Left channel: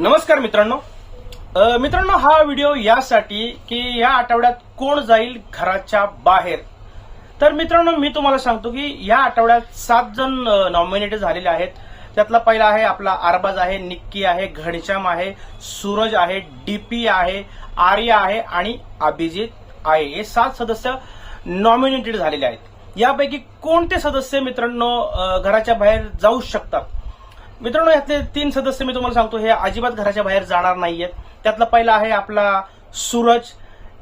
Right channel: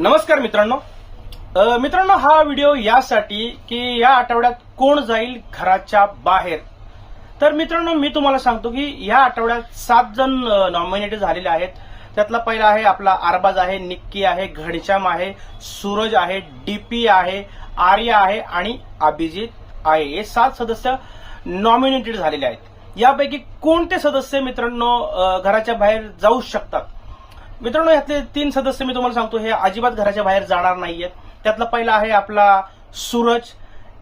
नमस्कार मित्रांनो. मित्रांनो हा व्हिडिओ यासाठी की या आठवड्यात कोण जाईल घराच्या बाहेर? तर मित्रांनो मी तुम्हाला सांगतो की या आठवड्यात सात जण नॉमिनेट झालेले आहेत. त्यातला पहिला आहे आपला अरबाज आहे निक्की आहे घनश्याम आहे सूरज आहे डीपी आहे आर्या आहे आणि अभिजित आहे. हे सात सदस्य नॉमिनेटेड झालेले आहेत. यापैकी कोणते सदस्य मित्रांनो घराच्या बाहेर जाऊ शकतात? मित्रांनो यातले तीन सदस्य मी तुम्हाला सांगतो हे अजिबात घराच्या बाहेर जाणार नाहीयेत. त्यातला पहिला आहे आपला सूरज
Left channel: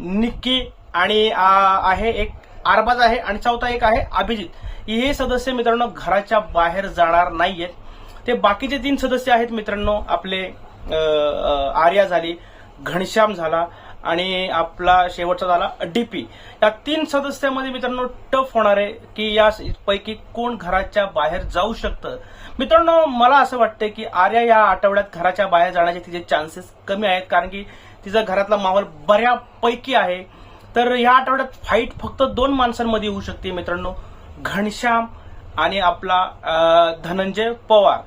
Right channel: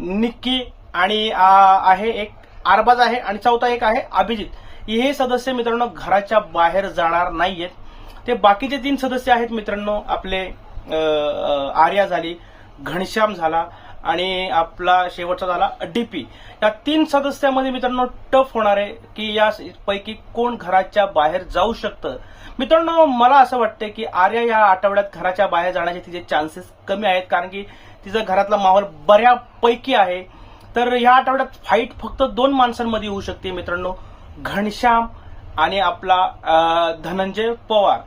निक्की आणि आहे एक अरबाज आहे आणि चौथा एक आहे अभिजित. हे सदस्य मित्रांनो घराच्या बाहेर जाणार नाहीयेत. ते बाकीचे तीन सदस्य आहेत मित्रांनो आपले आर्या झाली घनश्याम झाला आणि आपला शेवटचा झाला डीपी या तीन सदस्यामध्ये मित्रांनो टफ होणार आहे की यापैकी कोण घराच्या बाहेर जाऊ शकतं? मित्रांनो मला असं वाटतं की आर्या या आठवड्यात घराच्या बाहेर जाण्याचे तिचे चान्सेस कमी आहेत. कारण की तिचा घरातला माहोल बऱ्यापैकी आहे. तर या आठवड्यात फाईट फक्त दोन माणसांमध्ये होऊ शकते मित्रांनो. घनश्याम आणि आपला धनंजय पवार.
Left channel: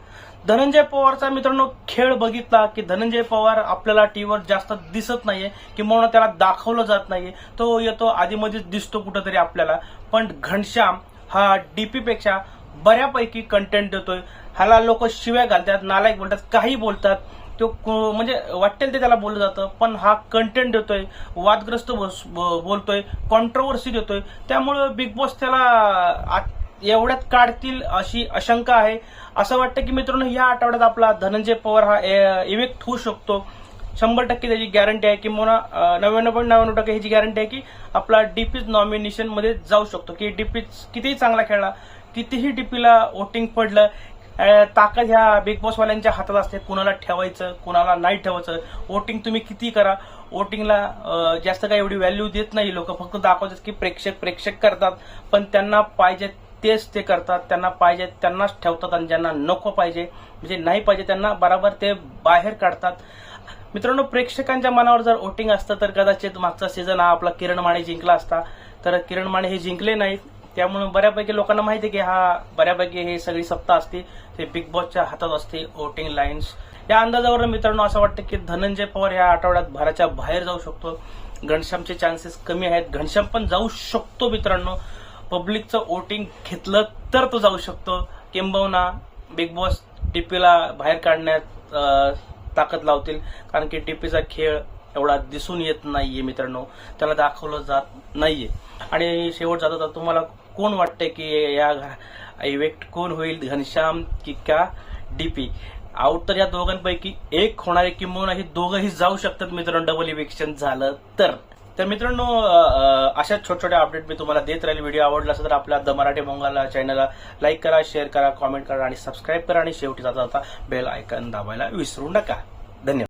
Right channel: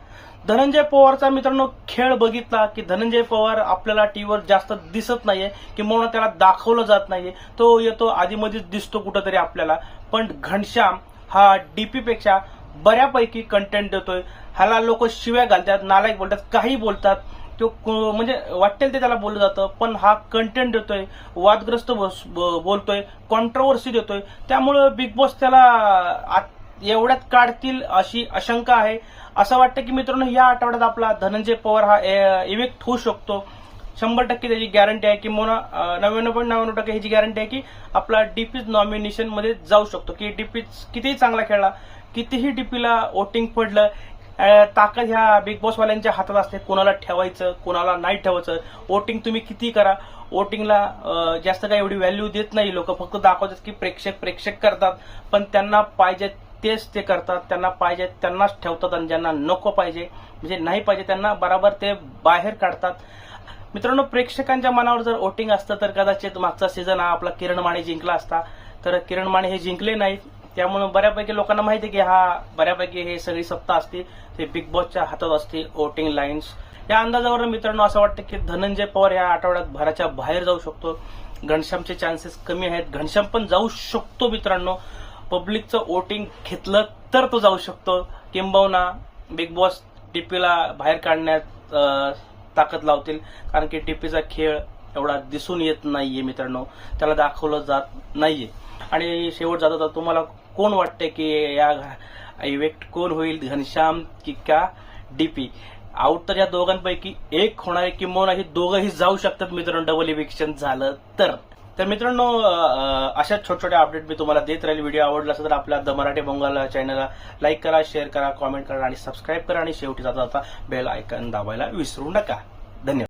धनंजय पवारचा मित्रांनो खेळ बघितला की धनंजय पवार आपल्याला टीव्हीवर जास्त दिसत नाहीये किंवा त्याला दाखवलं जात नाहीये. तो येतो आधीमध्येच दिसतो कुठंतरी आपल्याला. पण घनश्याम हा डीपीपेक्षा बऱ्यापैकी कंटेंट देतोय. ह्याला लोक शिव्या घालतात नालायक बोलतात काही बोलतात. तो म्हणजे वाटेल ते त्याला बोललं जातं पण हा कंटेंट देतोय वादग्रस्त बस- ब- बोलतोय कॉन्ट्रोवर्सी देतोय. त्यामुळं बिग बॉस त्याला आत- एवढ्यात काढतील अशी आशंका आहे. असं वाटतं की मित्रांनो या आठवड्यात आपला धनंजय पवार हा इव्हेक्ट होऊ शकतो. शंभर टक्के त्याची गॅरंटी आहे किंवा नव्याण्णव पॉईंट नव्याण्णव टक्के ह्याची गॅरंटी आहे की आपला डीपीज नॉमिनेशनमध्ये जाऊ शकतो. की डीपीज कितीही चांगला खेळला कितीही डीपीला वोटिंग पडलं ताकद ह्या बिग बॉसवाल्यांच्या हातात असते. कोणाला ठेवायचं कोणाला नाही ठेवायचं वोटिंग तुम्ही किती करा. वोटिंगला जास्त काही एवढी व्हॅल्यू देत नाही लोक. फक्त दाखवतात की प्रेक्षक प्रेक्षक करतात. पण त्यांना पाहिजे तेच ते करतात त्यांना पाहिजे त्यांनाच ठेवतात आणि ज्यांना नको पाहिजे म्हणजे नाही पाहिजे त्यांना बराबर ते बाहेर काढतात. मित्रांनो प्रेक्षकांच्या मनावर जर वोटिंग असतं तर कदाचित मागचा सीझन हा आपला किरण माने जिंकला असता. तर किरण माने हे जिंकले नाहीत. त्यामुळे बऱ्यापैकी लोकांना माहिती आहे की हा बऱ्यापैकी हे सगळी सत्ता असते. ते बिग बॉसच्या हातात असते वोटिंग लाईन्स या अंदाजावर मित्रांनो असं वाटतं की धनंजय पवार या आठवड्यात भराच्या बाहेर जाऊ शकतो. घनश्यामचे चान्सेस कमी आहेत. घनश्याम पण जाऊ शकतो मित्रांनो. पब्लिकचं वोटिंग घेतलं तर तो जाऊ शकतो. किंबहुना बिग बॉस टीपीला बाहेर काढण्यात ताकद लावतील. कारण की टीपीचा खेळ एवढा दिसून येत नाहीये मित्रांनो. त्याला दाखवलं जात नाहीये. आणि शेवट जाता जाता तुम्हाला कोण वाटते की या इव्हेक्ट कोण होईल? घनश्याम की का डीपी आउट तर या दोघांपैकी एक होणार आहे. किंबहुना हे दोघंही जाऊ शकतात मित्रांनो. डबल इव्हेक्शन झालं तर. तर मित्रांनो अशाच अशा छोट्या छोट्या अपडेट मी तुम्हाला देत राहील. व्हिडिओ आवडला असेल तर आपल्या द मराठी बंगाल चॅनलला लाईक करा शेअर करा कॉमेंट करा आणि सबस्क्राईब करा. आणि शेवटी जाता जाता बेल आयकन दाबायला विसरू नका. धन्यवाद.